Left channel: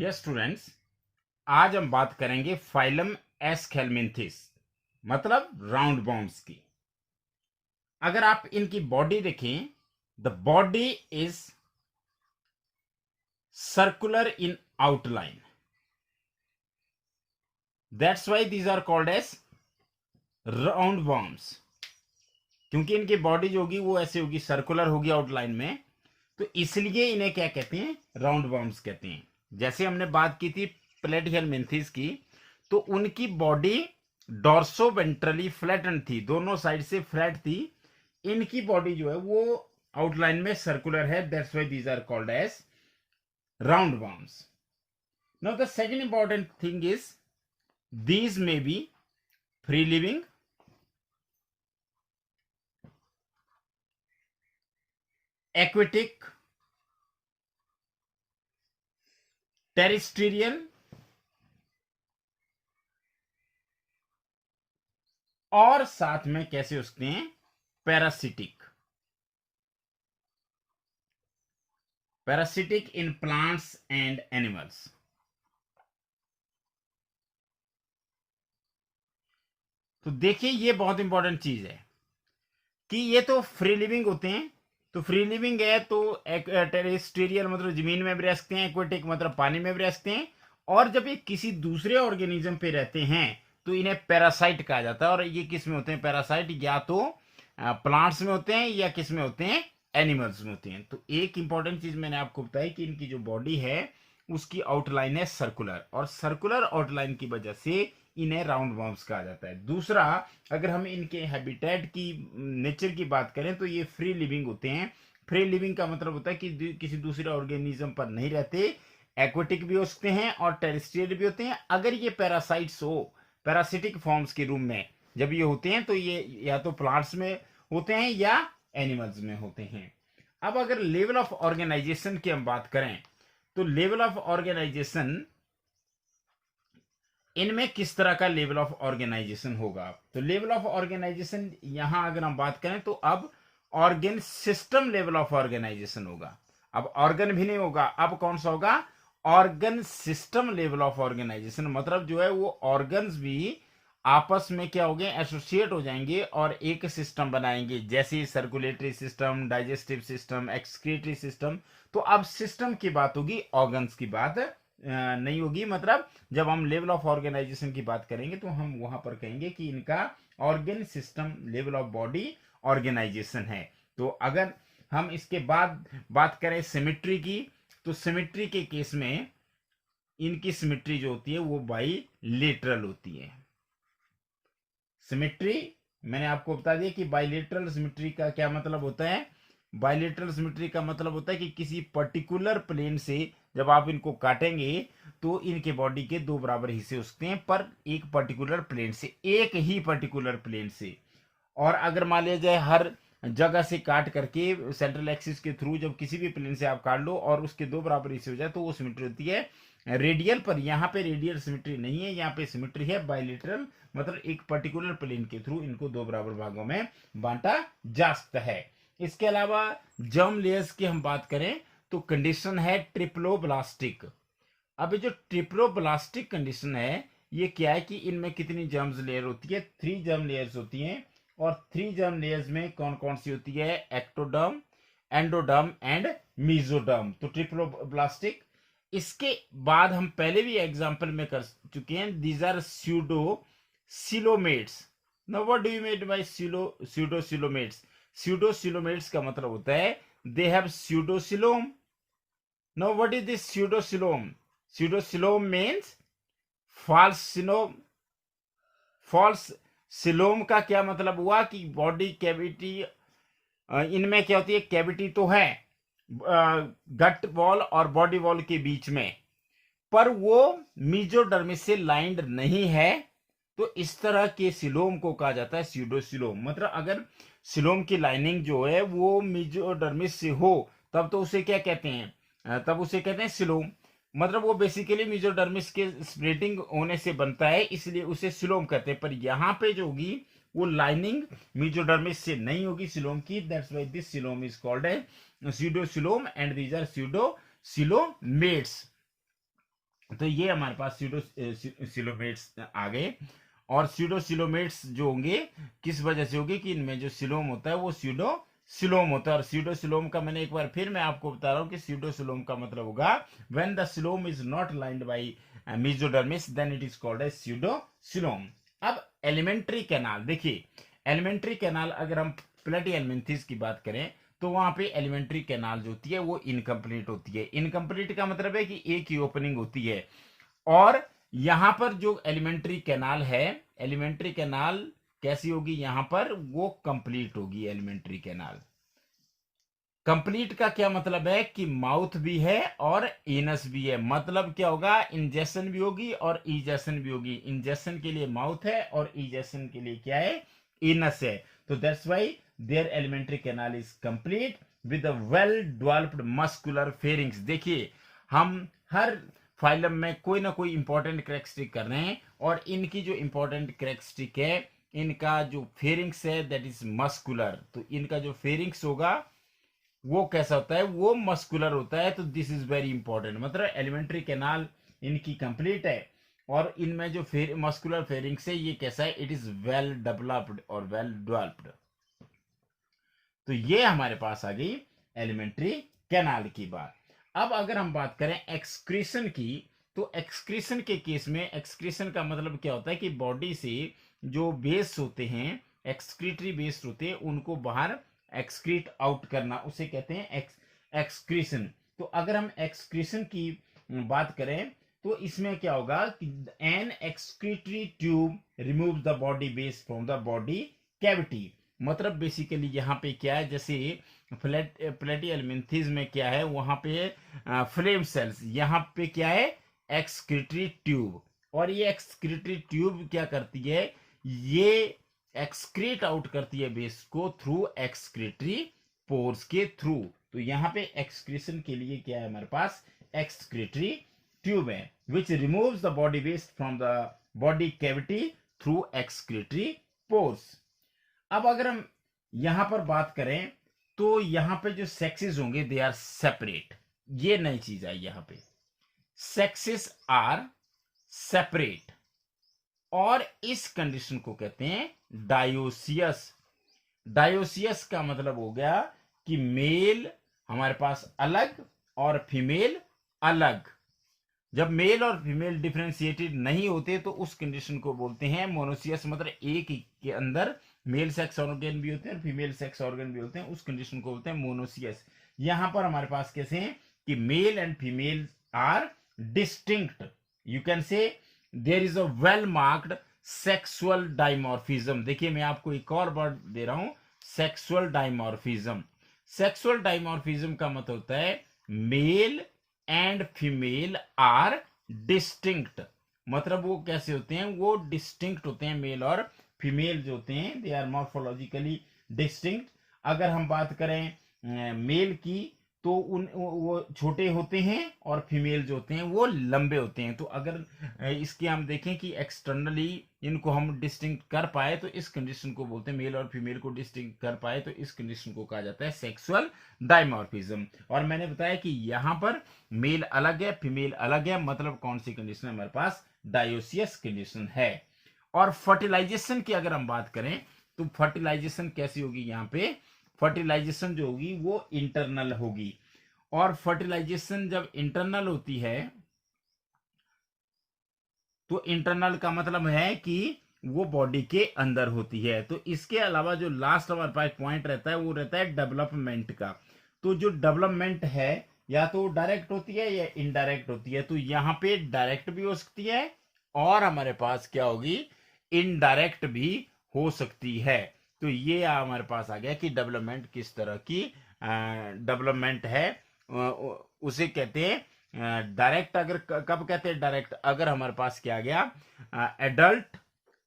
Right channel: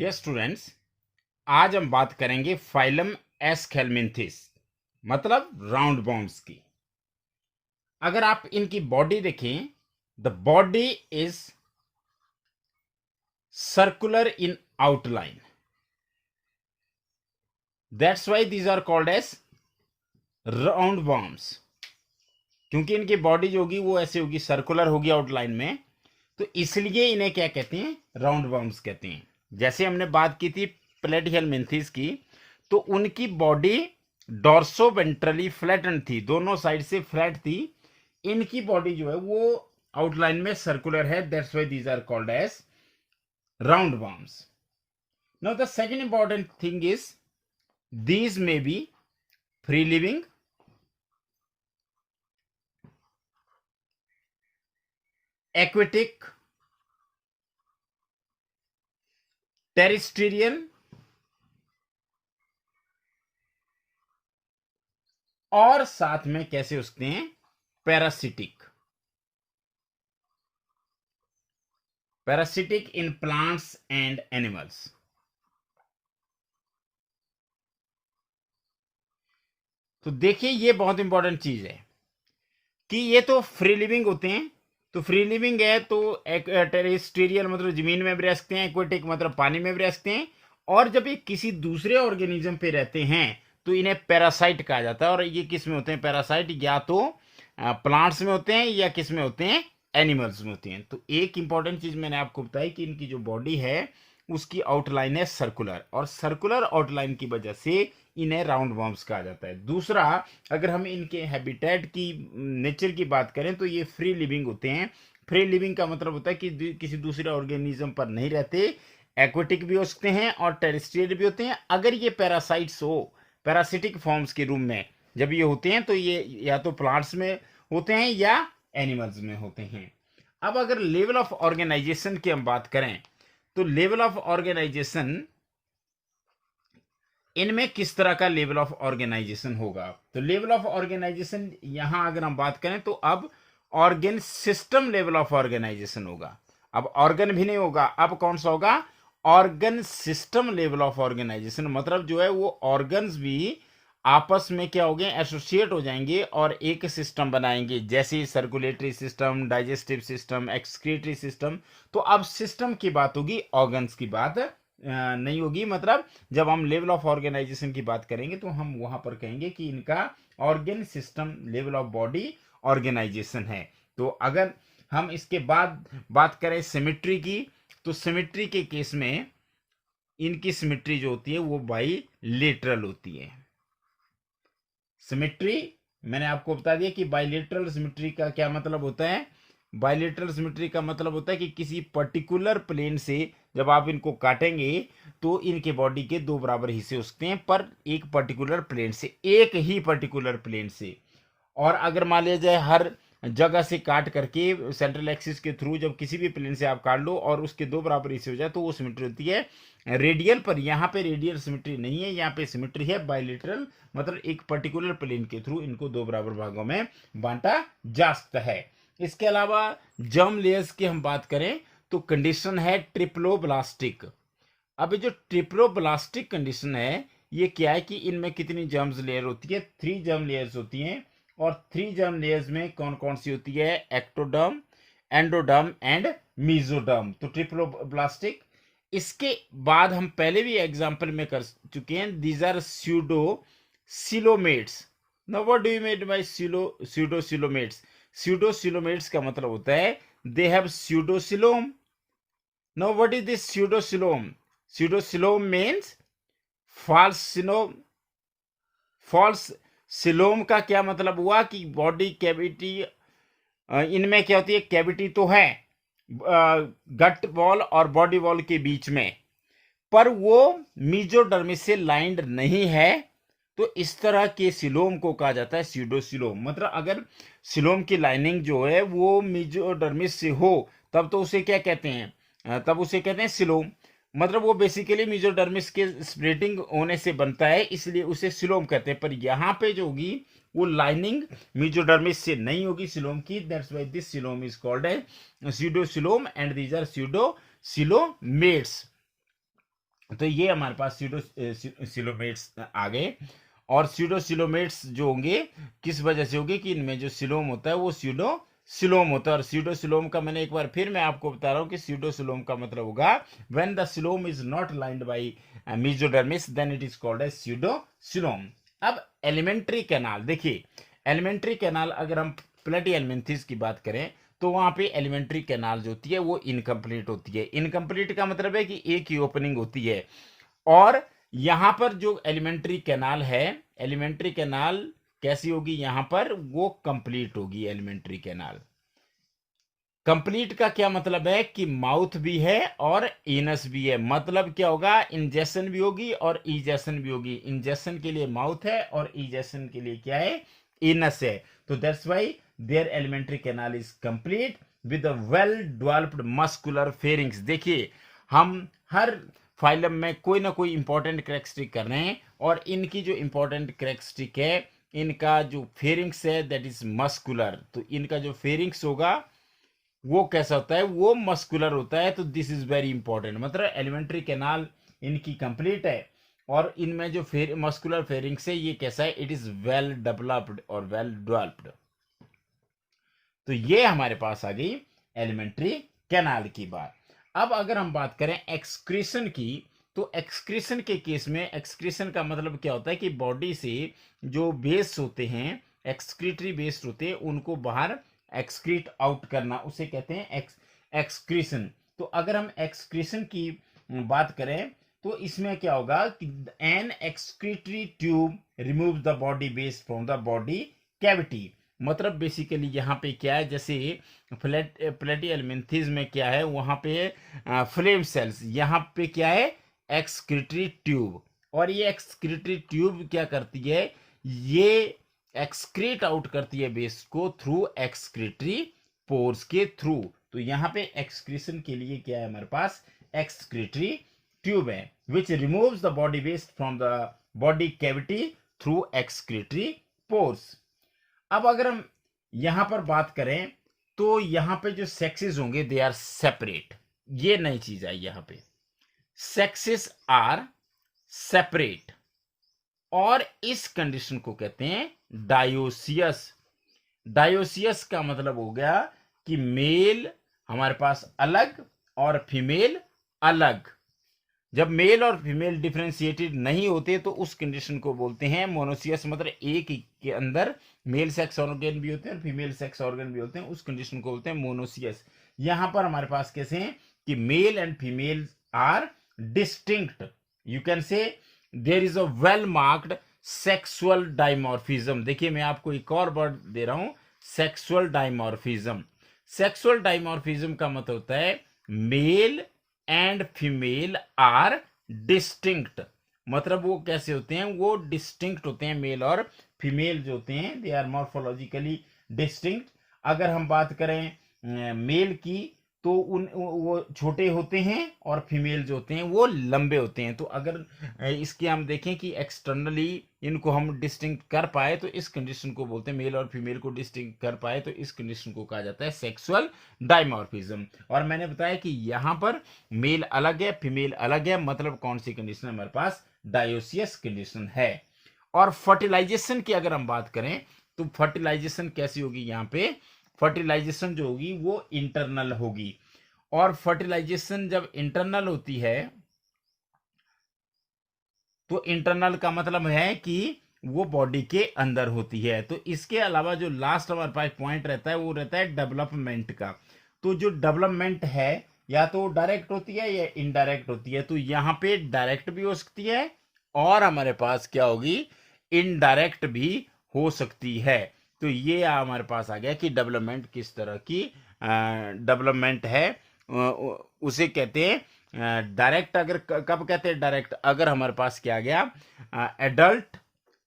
Dear students, आज हम बात करेंगे फाइलम एस्केलमिंथिस मतलब राउंड वॉर्म्स की। अगर आप इनकी बॉडी देखें, the body is circular in outline, that's why these are called as roundworms. क्योंकि इनकी बॉडी जो होगी वो ऐसे होगी, सर्कुलर होगी आउटलाइन में, तो इसलिए इन्हें क्या कहते हैं, राउंड वॉर्म्स कहते हैं। जैसे हमने बात की थी प्लेटिहेलमिंथिस की, तो उनकी बॉडी डॉर्सो वेंट्रली फ्लैटेंड थी, दोनों साइड से फ्लैट थी। इनकी बॉडी जो है वो आउटलाइन में सर्कुलर है, that's why these are called as roundworms. Now the second important thing is these may be free living, aquatic, terrestrial और साथ में कैसे उसके हैं, parasitic. Parasitic in plants and animals. तो देखिए ये बहुत इंपॉर्टेंट चीज है कि ये तो फ्री लिविंग होते हैं। तो फ्री लिविंग है तो टेरेस्ट्रियल मतलब जमीन में भी रह सकते हैं, एक्वेटिक मतलब पानी में भी रह सकते हैं, और जब ये किसी दूसरे ऑर्गेनिज्म पे रहते हैं तो इन्हें पैरासाइट कहा जाता है। और ये किस में होते हैं पैरासाइट, या तो प्लांट्स में होते हैं या किस में होते हैं, एनिमल्स में होते हैं। तो एक इंपॉर्टेंट चीज मैंने आपको बताई कि इनकी जो बॉडी है उसकी आउटलाइन है सर्कुलर, और सर्कुलर आउटलाइन की वजह से इन्हें राउंड वॉर्म्स कहा जाता है। दूसरा, अगर हम इनके हैबिटेट की नेचर की बात करें तो ये फ्री लिविंग होते हैं। फ्री लिविंग का मतलब होता है कि किसी दूसरे ऑर्गेनिज्म पर नहीं रहते, एक्वेटिक भी हो सकते हैं और टेरेस्ट्रियल भी होते हैं। अगर ये पैरासाइट्स हो, पैरासिटिक फॉर्म्स के रूम में जब ये होते हैं तो ये या तो प्लांट्स में होते हैं या एनिमल्स में होते हैं। अब अगर लेवल ऑफ ऑर्गेनाइजेशन की हम बात करें तो लेवल ऑफ ऑर्गेनाइजेशन, इनमें किस तरह का लेवल ऑफ ऑर्गेनाइजेशन होगा। तो लेवल ऑफ ऑर्गेनाइजेशन यहां अगर हम बात करें तो अब organ system level of organisation होगा। अब ऑर्गन भी नहीं होगा, अब कौन सा होगा, organ system level of organisation. मतलब जो है वो ऑर्गन्स भी आपस में क्या हो गए, एसोसिएट हो जाएंगे और एक सिस्टम बनाएंगे, जैसे circulatory system, digestive system, excretory system. तो अब सिस्टम की बात होगी, ऑर्गन्स की बात नहीं होगी। मतलब जब हम लेवल ऑफ ऑर्गेनाइजेशन की बात करेंगे तो हम वहां पर कहेंगे कि इनका organ system level of body organisation है। तो अगर हम इसके बाद बात करें सिमेट्री की, तो सिमेट्री के केस में इनकी सिमेट्री जो होती है वो बाइलेटरल होती है। सिमेट्री मैंने आपको बता दिया कि बाइलेटरल सिमेट्री का क्या मतलब होता है। बाइलेटरल सिमेट्री का मतलब होता है कि किसी पर्टिकुलर प्लेन से जब आप इनको काटेंगे तो इनके बॉडी के दो बराबर हिस्से हो सकते हैं, पर एक पर्टिकुलर प्लेन से, एक ही पर्टिकुलर प्लेन से। और अगर मान लिया जाए हर जगह से काट करके सेंट्रल एक्सिस के थ्रू जब किसी भी प्लेन से आप काट लो और उसके दो बराबर हिस्से हो जाए तो वो सिमेट्री होती है रेडियल। पर यहाँ पे रेडियल सिमेट्री नहीं है, यहाँ पे सिमेट्री है बाइलेटरल, मतलब एक पर्टिकुलर प्लेन के थ्रू इनको दो बराबर भागों में बांटा जा सकता है। इसके अलावा जर्म लेयर्स की हम बात करें तो कंडीशन है ट्रिप्लोब्लास्टिक। अब जो ट्रिप्लोब्लास्टिक कंडीशन है ये क्या है कि इनमें कितनी जर्म्स लेयर होती है, 3 जर्म लेयर्स होती हैं। और 3 जर्म लेयर्स में कौन कौन सी होती है, एक्टोडर्म, एंडोडर्म एंड मीजोडर्म। तो ट्रिप्लोब्लास्टिक। इसके बाद हम पहले भी एग्जांपल में कर चुके हैं, these are pseudocoelomates. Now what do you mean by pseudocoelomates. Pseudocoelomates का मतलब होता है they have pseudocoelom. Now what is this pseudocoelom. Pseudocoelom means false coelom. False coelom का क्या मतलब हुआ कि बॉडी कैविटी, इनमें क्या होती है, कैविटी तो है गट वॉल और बॉडी वॉल के बीच में, पर वो मीजोडर्मिस से लाइंड नहीं है। तो इस तरह के सिलोम को कहा जाता है स्यूडोसिलोम। मतलब अगर सिलोम की लाइनिंग जो है वो मीजोडर्मिस से हो तब तो उसे क्या कहते हैं, तब उसे कहते हैं सिलोम। मतलब वो बेसिकली मीजोडर्मिस के स्प्लिटिंग होने से बनता है, इसलिए उसे सिलोम कहते हैं। पर यहाँ पे जो होगी वो लाइनिंग मीजोडर्मिस से नहीं होगी सिलोम की, that's why this coelom is called as pseudocoelom and these are pseudocoelomates. तो ये हमारे पास सीडोसिलोमेट्स आ गए। और सीडोसिलोमेट्स जो होंगे किस वजह से होंगे कि इनमें जो सिलोम होता है वो सीडोसिलोम होता है। और सीडोसिलोम का मैंने एक बार फिर मैं आपको बता रहा हूँ कि सीडोसिलोम का मतलब होगा when the coelom is not lined by mesodermis then it is called as pseudocoelom. अब एलिमेंट्री कैनाल देखिए, एलिमेंट्री कैनाल अगर हम प्लेटी एलिमेंथिस की बात करें तो वहां पे एलिमेंट्री कैनाल जो होती है वो इनकम्प्लीट होती है। इनकम्प्लीट का मतलब है कि एक ही ओपनिंग होती है। और यहां पर जो एलिमेंट्री कैनाल है, एलिमेंट्री कैनाल कैसी होगी, यहां पर वो कंप्लीट होगी। एलिमेंट्री कैनाल कंप्लीट का क्या मतलब है कि माउथ भी है और एनस भी है। मतलब क्या होगा, इंजेक्शन भी होगी और इजेक्शन भी होगी। इंजेक्शन के लिए माउथ है और इजेक्शन के लिए क्या है, एनस है। तो that's why their alimentary canal is complete with a well developed muscular pharynx. देखिए, हम हर फाइलम में कोई ना कोई इंपॉर्टेंट करेक्टरिस्टिक कर रहे हैं, और इनकी जो इंपॉर्टेंट करेक्टरिस्टिक है, इनका जो फेरिंग्स है दैट इज मस्कुलर। तो इनका जो फेरिंग्स होगा वो कैसा होता है, वो मस्कुलर होता है। तो दिस इज वेरी इंपॉर्टेंट, मतलब एलिमेंट्री कैनाल इनकी कंप्लीट है, और इनमें जो मस्कुलर फेरिंग्स है ये कैसा है, इट इज वेल डेवलप्ड और वेल डेवलप्ड। तो ये हमारे पास आ गई एलिमेंट्री कैनाल की बात। अब अगर हम बात करें एक्सक्रीशन की, तो एक्सक्रीशन के केस में, एक्सक्रीशन का मतलब क्या होता है कि बॉडी से जो वेस्ट होते हैं, एक्सक्रीटरी वेस्ट होते हैं, उनको बाहर एक्सक्रीट आउट करना, उसे कहते हैं एक्सक्रीशन। तो अगर हम एक्सक्रीशन की बात करें तो इसमें क्या होगा कि an excretory tube remove the body waste from the body cavity. मतलब बेसिकली यहाँ पे क्या है, जैसे प्लेटी एलिमेंथिस में क्या है, वहां पे फ्लेम सेल्स, यहाँ पे क्या है, एक्सक्रीटरी ट्यूब। और ये एक्सक्रीटरी ट्यूब क्या करती है, ये एक्सक्रीट आउट करती है वेस्ट को थ्रू एक्सक्रीटरी पोर्स के थ्रू। तो यहाँ पे एक्सक्रीशन के लिए क्या है, हमारे पास एक्सक्रीटरी ट्यूब है which removes the body waste from the body cavity through excretory pores. अब अगर हम यहां पर बात करें तो यहां पे जो सेक्सेस होंगे दे आर सेपरेट। ये नई चीज आई यहां पे, सेक्सेस आर सेपरेट। और इस कंडीशन को कहते हैं डायोसियस। डायोसियस का मतलब हो गया कि मेल हमारे पास अलग और फीमेल अलग। जब मेल और फीमेल डिफरेंशिएटेड नहीं होते तो उस कंडीशन को बोलते हैं मोनोसियस। मतलब एक ही के अंदर मेल सेक्स ऑर्गन भी होते हैं और फीमेल सेक्स ऑर्गन भी होते हैं, उस कंडीशन को बोलते हैं मोनोसियस। यहां पर हमारे पास कैसे हैं कि male and female are distinct. You can say there is a well marked sexual dimorphism. देखिए, मैं आपको एक और वर्ड दे रहा हूं, सेक्सुअल डाइमॉर्फिज्म। सेक्सुअल डाइमॉर्फिज्म का मतलब होता है male and female are distinct. मतलब वो कैसे होते हैं, वो डिस्टिंक्ट होते हैं। मेल और फीमेल जो होते हैं दे आर मॉर्फोलॉजिकली डिस्टिंक्ट। अगर हम बात करें मेल की तो वो छोटे होते हैं, और फीमेल जो होते हैं वो लंबे होते हैं। तो अगर इसके हम देखें कि एक्सटर्नली इनको हम डिस्टिंक्ट कर पाए तो इस कंडीशन को बोलते हैं, मेल और फीमेल को डिस्टिंक्ट कर पाए तो इस कंडीशन को कहा जाता है सेक्सुअल डाइमॉर्फिज्म। और मैंने बताया कि यहां पर मेल अलग है, फीमेल अलग है, मतलब कौन सी कंडीशन है हमारे पास, डायोसियस कंडीशन है। और फर्टिलाइजेशन की अगर हम बात करें तो फर्टिलाइजेशन कैसी होगी, यहां पे फर्टिलाइजेशन जो होगी वो इंटरनल होगी। और फर्टिलाइजेशन जब इंटरनल होती है तो इंटरनल का मतलब है कि वो बॉडी के अंदर होती है। तो इसके अलावा जो लास्ट हमारे पास पॉइंट रहता है वो रहता है डेवलपमेंट का। तो जो डेवलपमेंट है या तो डायरेक्ट होती है या इनडायरेक्ट होती है। तो यहाँ पे डायरेक्ट भी हो सकती है और हमारे पास क्या होगी, इनडायरेक्ट भी हो सकती है। तो ये हमारे पास आ गया कि डेवलपमेंट किस तरह की डेवलपमेंट है। उसे कहते हैं डायरेक्ट। अगर कब कहते हैं डायरेक्ट, अगर हमारे पास क्या आ गया एडल्ट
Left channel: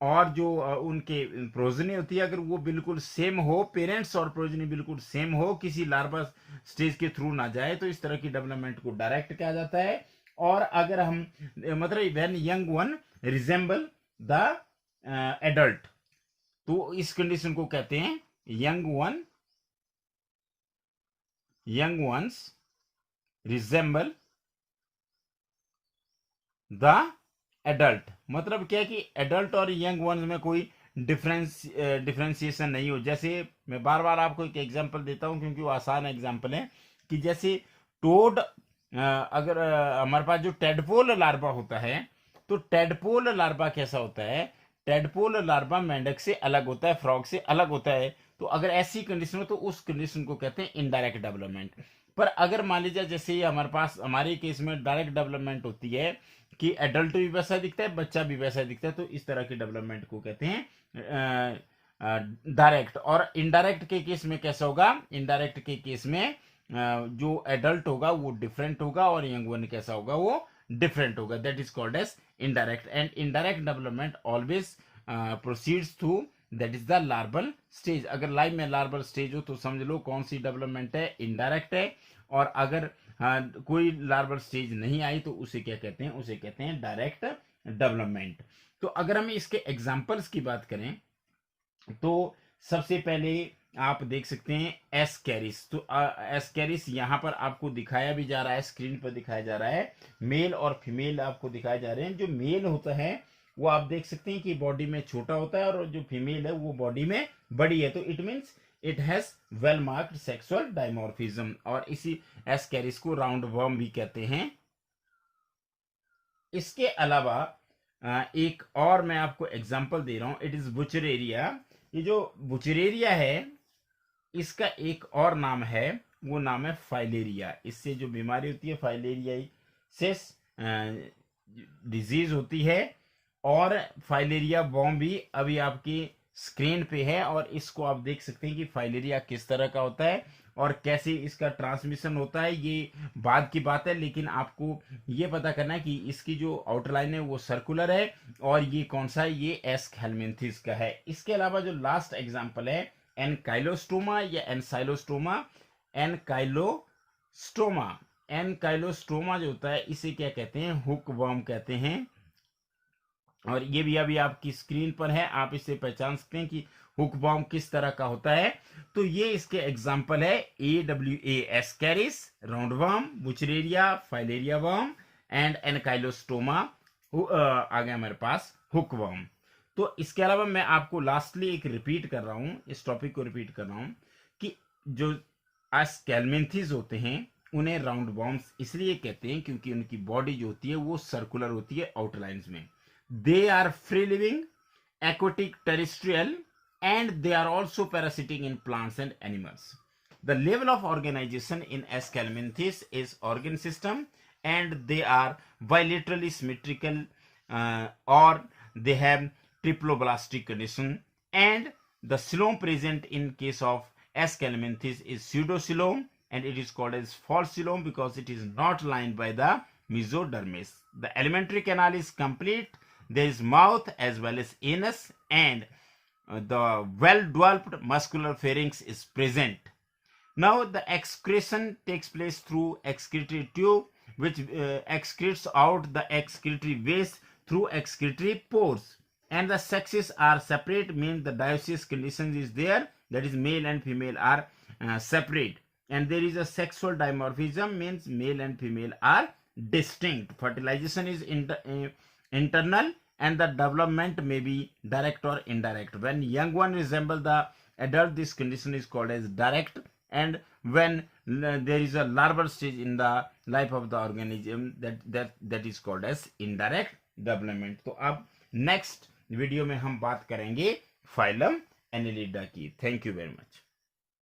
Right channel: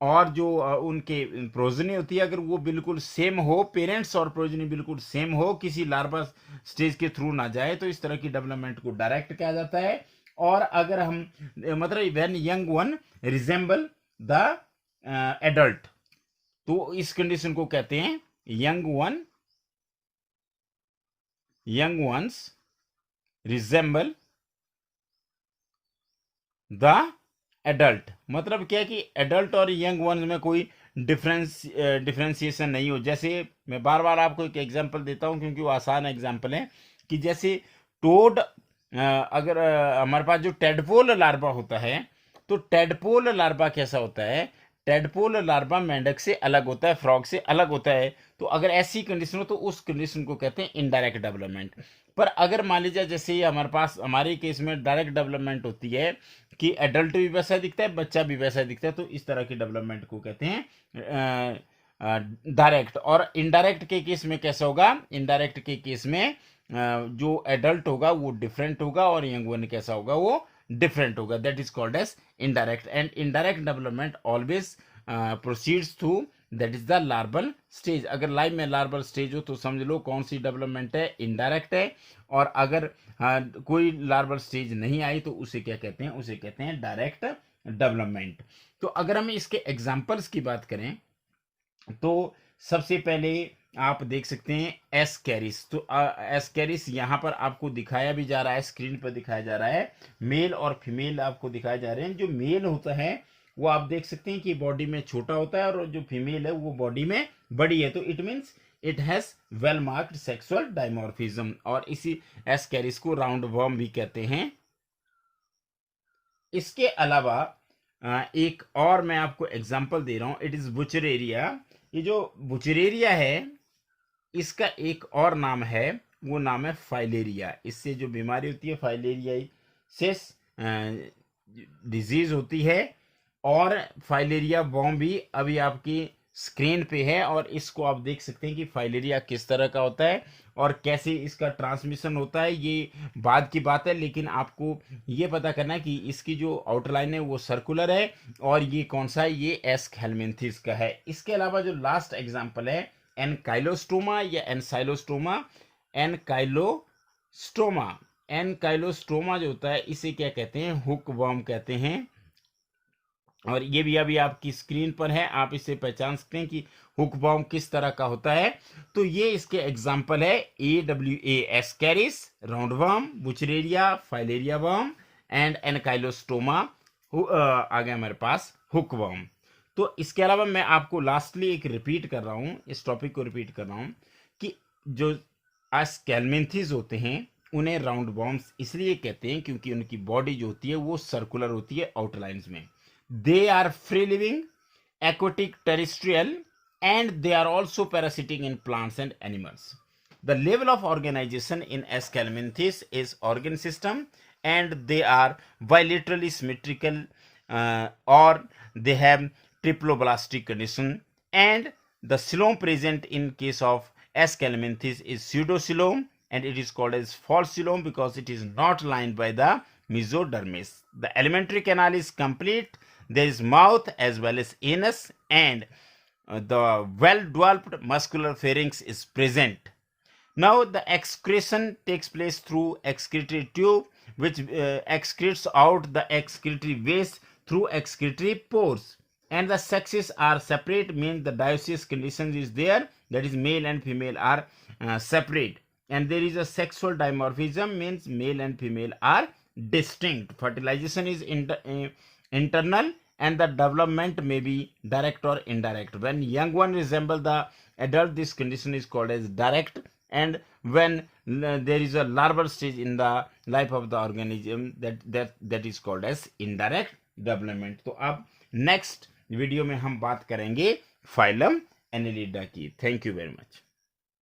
और जो उनके प्रोजनी होती है, अगर वो बिल्कुल सेम हो, पेरेंट्स और प्रोजनी बिल्कुल सेम हो, किसी लार्वा स्टेज के थ्रू ना जाए, तो इस तरह की डेवलपमेंट को डायरेक्ट कहा जाता है। और अगर हम मतलब when young one resemble the adult, तो इस कंडीशन को कहते हैं young ones resemble the adult. मतलब क्या है कि एडल्ट और यंग वंस में कोई डिफरेंशिएशन नहीं हो। जैसे मैं बार बार आपको एक एग्जांपल देता हूँ क्योंकि वो आसान एग्जांपल है, कि जैसे टोड, अगर हमारे पास जो टेडपोल लार्वा होता है, तो टेडपोल लार्वा कैसा होता है, टेडपोल लार्वा मेंढक से अलग होता है, फ्रॉग से अलग होता है। तो अगर ऐसी कंडीशन हो तो उस कंडीशन को कहते हैं इनडायरेक्ट डेवलपमेंट। पर अगर मान लीजिए जैसे ये हमारे पास, हमारे केस में डायरेक्ट डेवलपमेंट होती है कि एडल्ट भी वैसा दिखता है, बच्चा भी वैसा दिखता है, तो इस तरह की डेवलपमेंट को कहते हैं डायरेक्ट। और इनडायरेक्ट के केस में कैसा होगा, इनडायरेक्ट के केस में जो एडल्ट होगा वो डिफरेंट होगा और यंग वन कैसा होगा, वो डिफरेंट होगा। That is called as indirect. And indirect development always proceeds through, that is the larval stage. अगर लाइफ में लार्वल स्टेज हो तो समझ लो कौन सी डेवलपमेंट है, इनडायरेक्ट है। और अगर कोई लार्वल स्टेज नहीं आई तो उसे क्या कहते हैं, उसे कहते हैं डायरेक्ट डेवलपमेंट। तो अगर हम इसके एग्जांपल्स की बात करें तो सबसे पहले आप देख सकते हैं एस्कैरिस। तो एस्कैरिस यहाँ पर आपको दिखाया भी जा रहा है, स्क्रीन पर दिखाया जा रहा है। मेल और फीमेल आपको दिखाए जा रहे हैं। जो मेल होता है वो आप देख सकते हैं कि बॉडी में छोटा होता है, और जो फीमेल है वो बॉडी में बड़ी है। तो it means it has well marked sexual dimorphism. और इसी एस्कैरिस को राउंड वर्म भी कहते हैं। इसके अलावा एक और मैं आपको एग्जांपल दे रहा हूं, इट इज बुचरेरिया। ये जो बुचरेरिया है इसका एक और नाम है, वो नाम है फाइलेरिया। इससे जो बीमारी होती है फाइलेरियासिस डिजीज होती है। और फाइलेरिया वॉर्म भी अभी आपकी स्क्रीन पे है, और इसको आप देख सकते हैं कि फाइलेरिया किस तरह का होता है और कैसे इसका ट्रांसमिशन होता है, ये बाद की बात है। लेकिन आपको ये पता करना है कि इसकी जो आउटलाइन है वो सर्कुलर है, और ये कौन सा है, ये एस्केलमेंथिस का है। इसके अलावा जो लास्ट एग्जांपल है एनकाइलोस्टोमा या एनसाइलोस्टोमा। एनकाइलोस्टोमा, एनकाइलोस्टोमा जो होता है इसे क्या कहते हैं, हुक वर्म कहते हैं। और ये भी अभी आपकी स्क्रीन पर है, आप इसे पहचान सकते हैं कि हुक वर्म किस तरह का होता है। तो ये इसके एग्जांपल है AWA Ascaris, round worm, Wuchereria, filaria worm and Ancylostoma. आ गया हमारे पास हुक वर्म। तो इसके अलावा मैं आपको लास्टली एक रिपीट कर रहा हूँ, इस टॉपिक को रिपीट कर रहा हूँ कि जो एस्केलमेंथिस होते हैं उन्हें राउंड वर्म्स इसलिए कहते हैं क्योंकि उनकी बॉडी जो होती है वो सर्कुलर होती है आउटलाइंस में। They are free living, aquatic, terrestrial, and they are also parasitic in plants and animals. The level of organization in Aschelminthis is organ system, and they are bilaterally symmetrical, or they have triploblastic condition. And the coelom present in case of Aschelminthis is pseudocoelom, and it is called as false coelom because it is not lined by the mesodermis. The alimentary canal is complete. There is mouth as well as anus, and the well-developed muscular pharynx is present. Now the excretion takes place through excretory tube, which excretes out the excretory waste through excretory pores. And the sexes are separate, means the dioecious condition is there, that is male and female are separate. And there is a sexual dimorphism, means male and female are distinct. Fertilization is internal, and the development may be direct or indirect. When young one resemble the adult, this condition is called as direct. And when there is a larval stage in the life of the organism, that is called as indirect development. तो अब next video में हम बात करेंगे phylum Annelida की। Thank you very much.